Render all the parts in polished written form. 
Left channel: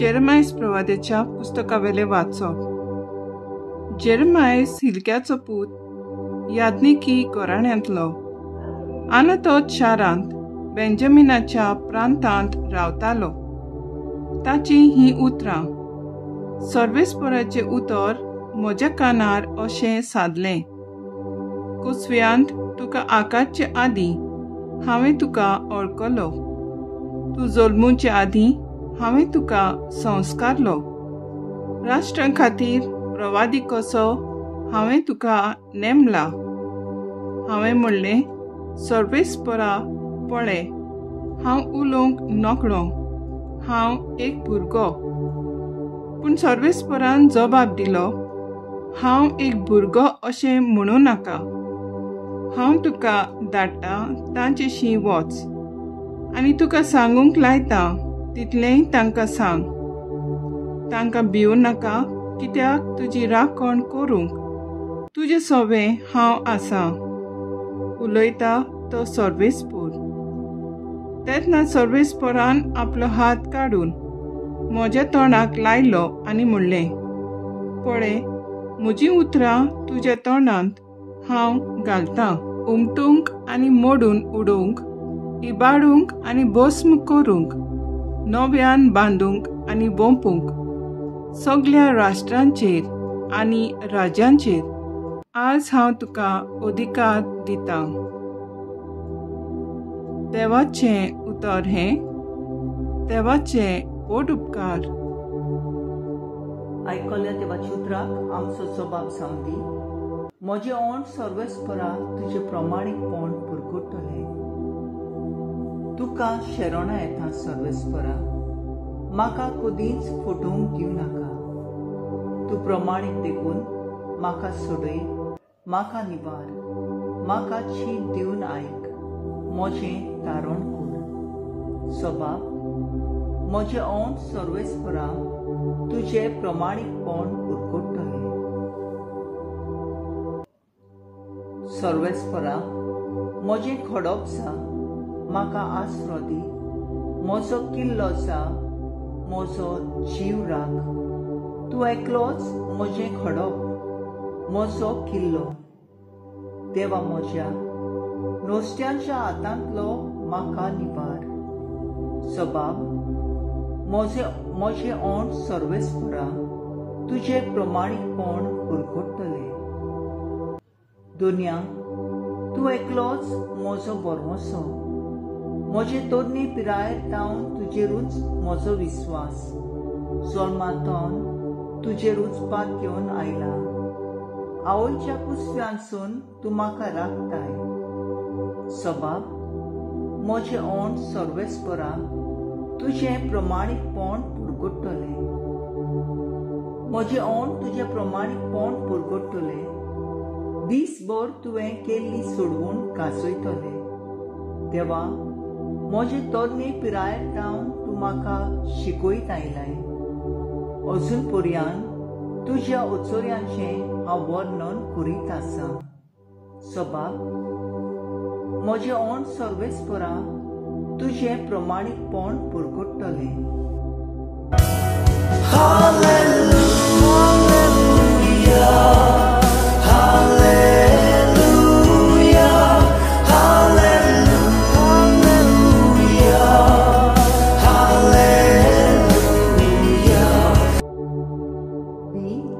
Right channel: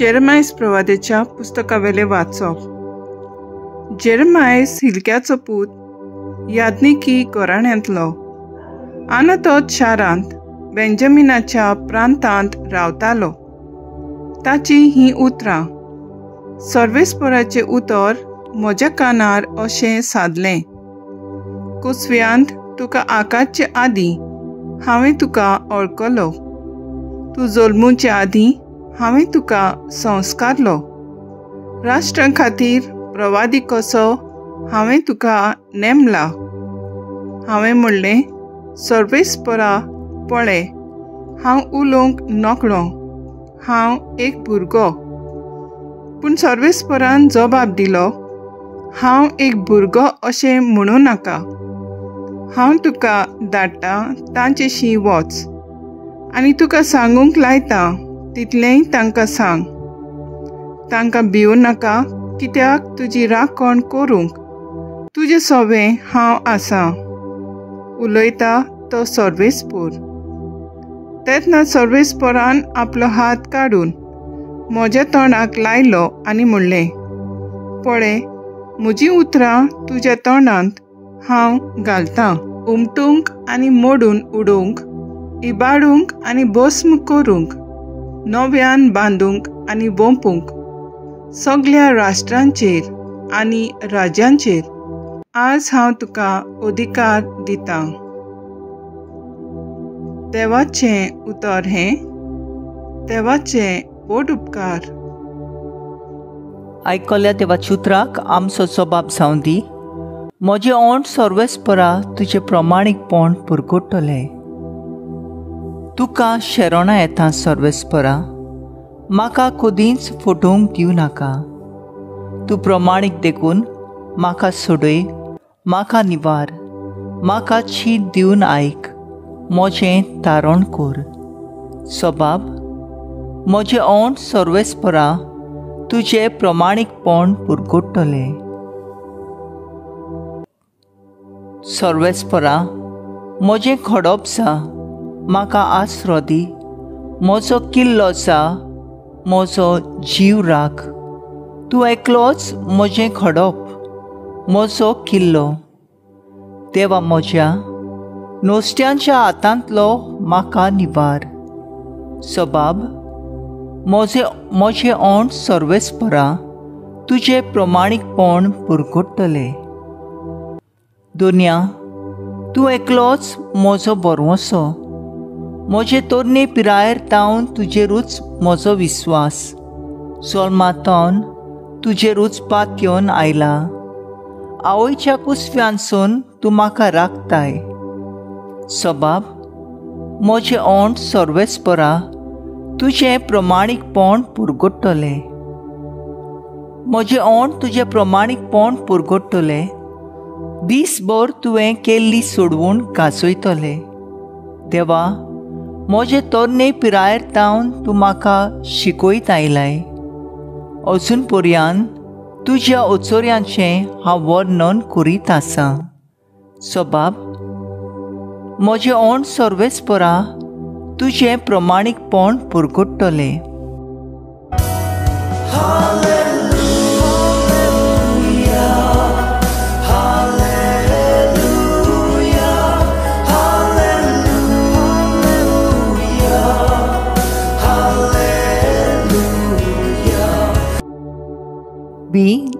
जेरेमायस प्रवादेच्या पुस्तकावेले वाचप. जेरेमायस हिलक्याचो पूत यादनिकी घराण्यांतलो आनी तो शारांत बेंजामिनाच्या प्रांतांत रावतालो. ताची ही उतरां सर्वेस्पराचें उतर म्हज्या कानार अशें सादलें. कुसव्यांत तुका आकाशचे आदीं हांवें तुका वळखलो. तूं जल्मूचे आदीं हांवें तुका संस्कारलो. राष्ट्रां खातीर प्रवादी कसो हांवें तुका नेमला. हांवें म्हणलें, सर्वेस्परा पळय, हांव उलोवंक नकळो, हांव एक भुरगो. पूण सर्वेस्परान जबाब दिलो, हांव एक भुरगो अशें म्हणूं नाका. हांव तुका धाडटां तांचेशी वच आनी तुका सांगूंक लायता तितलेंय तांकां सांग. तांकां भिवूं नाका, कित्याक तुजी राखण करूंक तुजें सवें हांव आसां. उलयता तो सर्वेस्पर. तेन्ना सर्वेस्परान आपलो हात काडून म्हज्या तोंडाक लायलो आनी म्हणलें, पळय, म्हजीं उतरां तुज्या तोंडांत हांव घालतां. उमटूंक आनी मोडून उडोवंक, इबाडूंक आनी भस्म करूंक, नव्यान बांदूंक आनी बोंपूंक सगळ्या राष्ट्रांचेर आनी राज्यांचेर आज हांव तुका अधिकार दितां. देवाचें उतर हें. देवाचे बोड उपकार. आयकल्या देवाच्या उतराक आमचो जबाब जावं दी. म्हजें ओंठ सर्वेस्परा तुजें प्रमाणीकपण पुरगुट्टलें. तुका शेरोणां येता सर्वेस्परा, म्हाका कदींच फुटूंक दिवं नाका. तूं प्रमाणीक देखून म्हाका सोडय, म्हाका निवार, म्हाका शीत दिवन आयक, म्हजें तारण कर. सबाब, म्हजें ओंठ सर्वेस्परा तुजें प्रमाणीकपण पुरगुट्टलें. सर्वेस्परा, म्हजें खडप जा, म्हाका आसरो दी, म्हजो किल्लो जा, म्हजो जीव राख. तूं एकलोच म्हजें खडप, म्हजो किल्लो. देवा म्हज्या, नुस्त्यांच्या हातांतलो म्हाका निवार. सबाब, म्हजें ओंठ सर्वेस्परा तुजें प्रमाणीकपण पुरगुट्टलें. दुनिया, तूं एकलोच म्हजो बरवंसो. म्हजे तरणे पिरायेर तावन तुजेरूच म्हजो विस्वास. जल्मांतवन तुजेरूच पातयेवन आयला. आवयच्या कुसव्यांसून तूं म्हाका राखताय. सबाब, म्हजें ओंठ सर्वेस्परा तुजें प्रमाणीकपण पुरगुट्टलें. म्हजें ओंठ तुजें प्रमाणीकपण पुरगुट्टलें. दीसभर तुवें केल्ली सोडवून गाजयतलें. देवा, म्हजे तरणे पिरायेर तावन तूं म्हाका शिकयत आयलाय. अजून पर्यंत तुज्या ओचोऱ्यांचें हांव वर्णन करीत आसां. सबाब, म्हजें ओंठ सर्वेस्परा तुजें प्रमाणीकपण पुरगुट्टलें.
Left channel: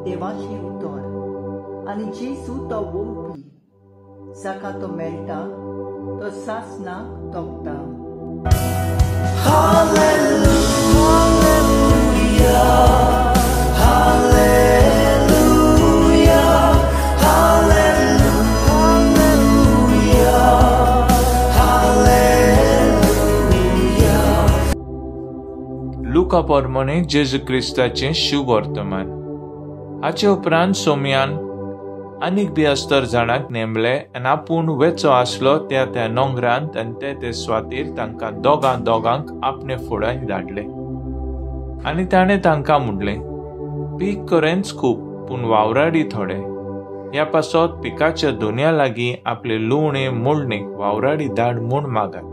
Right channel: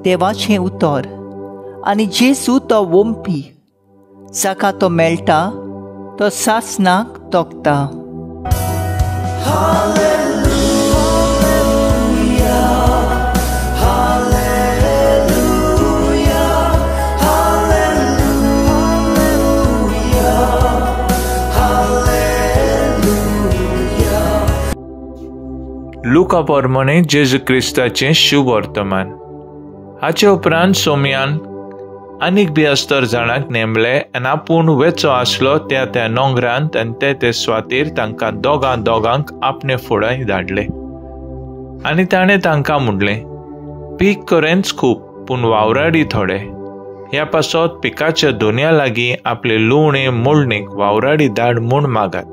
देवाचें उतर आनी जेजू तो वंपी, जाका तो मेळटा तो सासनाक तोखता. लुका पोरमोणे जेजू क्रिस्ताचें शुभ वर्तमान. हाचे उपरांत सोमयान आनीक बी अस्तर जाणांक नेमले आनी आपूण वेचो आसलो त्या नोंगरांत आनी ते सुवातेर तांकां दोगांक आपणे फुडें धाडले. आनी ताणें तांकां म्हणलें, पीक खरेंच खूब पूण वावराडी थोडे. ह्या पासत पिकाच्या दोनया लागीं आपले लुवणे मोडणेक वावराडी धाड म्हूण मागात.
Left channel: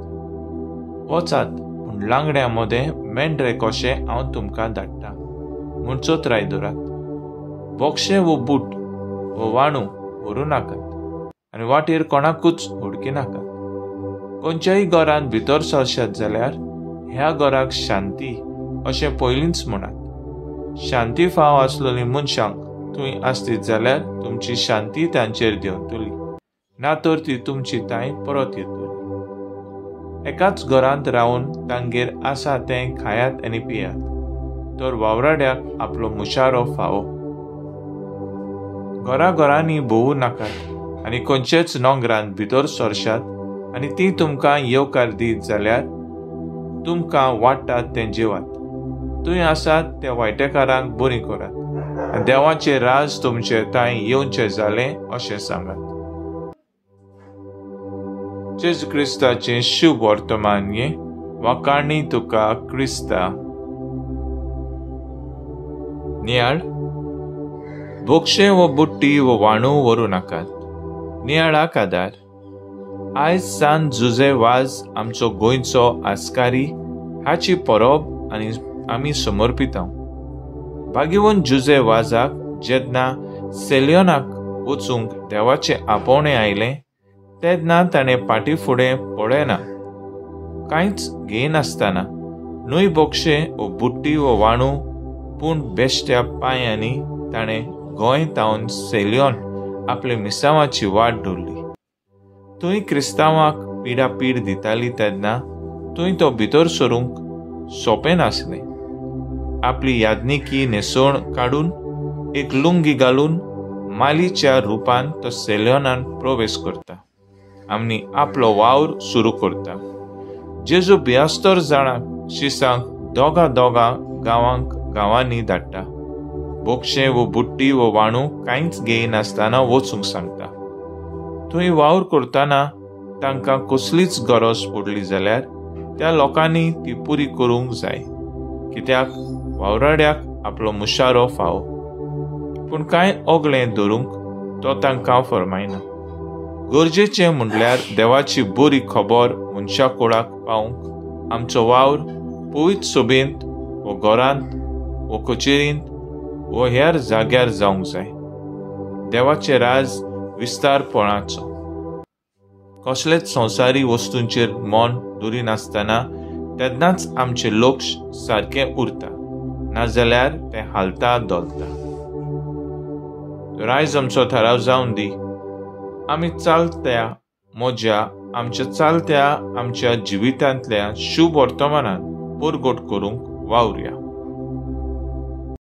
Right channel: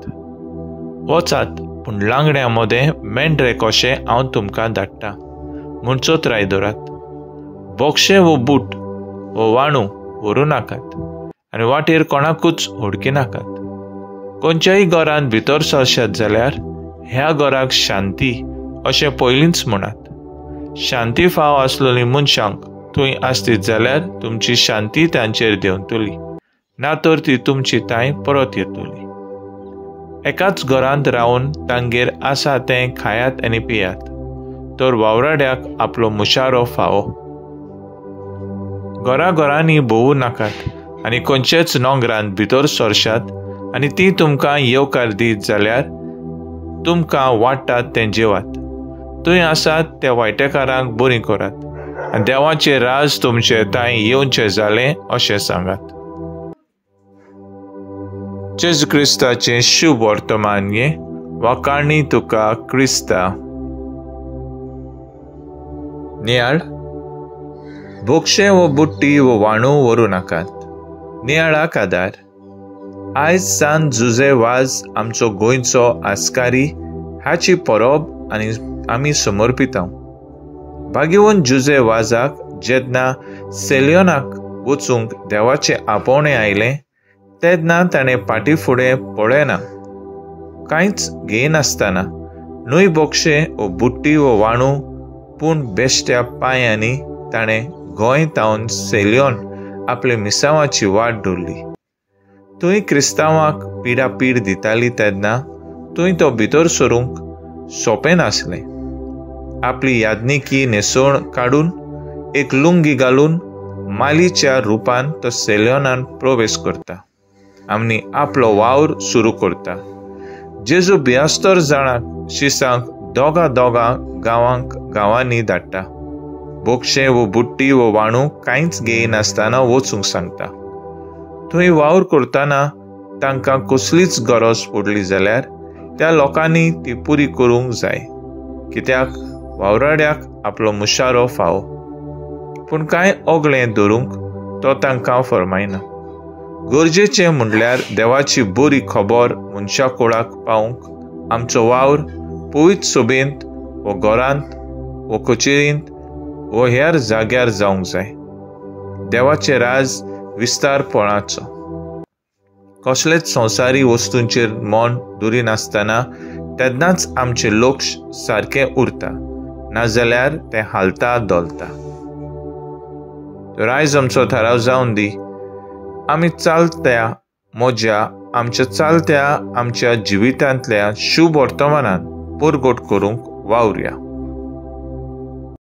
वचात, पूण लांगड्या मदें मेंढरे कशें हांव तुमकां धाडटां म्हूण चोत्राय दवरात. बोक्षे वो बूट वो वाणू व्हरू नाकात आनी वाटेर कोणाकूच हुडकी नाकात. खंयच्याय घरांत भितर सरशात जाल्यार ह्या घराक शांती अशें पयलींच म्हणात. शांती फाव आसलेली मनशांक थंय आसतीत जाल्यार तुमची शांती तांचेर देंवतली, ना तर ती तुमची ताय परत येतली. एकाच घरांत रावन तांगेर आसा तें खायात आनी पियात, तर वावराड्याक आपलो मुशारो फावो. घरांनी भोवू नाकात आनी खंयचेच नोंगरांत भितर सरशात आनी ती तुमकां येवकार दीत जाल्यार तुमकां वाडटात तें जेवात. थंय आसात त्या वायटेकारांक बरी करात आनी देवाचें राज तुमचे ताय येवचें जालें अशें सांगात. जेजू क्रिस्ताचें शुभ वर्तमान हें वाकाणी तुका क्रिस्ता. नियाळ, बोक्षे वो बुट्टी वो वाणू व्हरू नाकात. नियाळाक आदार. आयज सान जुजे वाज आमचो गोंयचो आस्कारी हाची परब आनी आमी समर्पितांव. भाग्यवन जुजे वाजाक जेन्ना सेलियोनाक वचूंक देवाचें आपोवणें आयलें तेन्ना ताणें फाटी फुडें पळयना, कांयच घेयनासतना न्हय बोक्षे वो बुट्टी वो वाणू, पूण बेश्ट्या पांयांनी ताणें गोंय तावन सेलियोन आपले मिसांवाची वाट धरली. थंय क्रिस्तांवांक पिडापीड दिताली तेन्ना थंय तो भितर सरूंक सोंपें नासलें. आपली यादनिकी न्हेसोवन काडून एक लुंगी घालून मालीच्या रुपान तो सेलियोनान प्रवेश करता आनी आपलो वावर सुरू करता. जेजू बियास्तर जाणांक शिसांक दोगा गांवांनी धाडटा. बोक्षे वो बुट्टी वो वाणू कांयच घेयनासतना वचूंक सांगता. थंय वावर करतना तांकां कसलीच गरज पडली जाल्यार त्या लोकांनी ती पुरी करूंक जाय, कित्याक वावराड्याक आपलो मुशारो फावो. पूण कांय ओगळें धरूंक तो तांकां फरमायना. गरजेचें म्हणल्यार देवाची बरी खबर मनशा कुळाक पावूंक आमचो वावर पवित्र सोबेंत वो घरांत वो कचेरींत वो हेर जाग्यार जावंक जाय. देवाचें राज विस्तारपणाचो. कसलेच संवसारी वस्तूंचेर मोन दवरिनासतना तेन्नाच आमचें लक्ष सारकें उरता, नाजाल्यार तें हालता दोलता. तर आयज आमचो थाराव जावन दी. आमी आमच्या जिवितांतल्या शुभ वर्तमानान परगट करूंक वावुरया.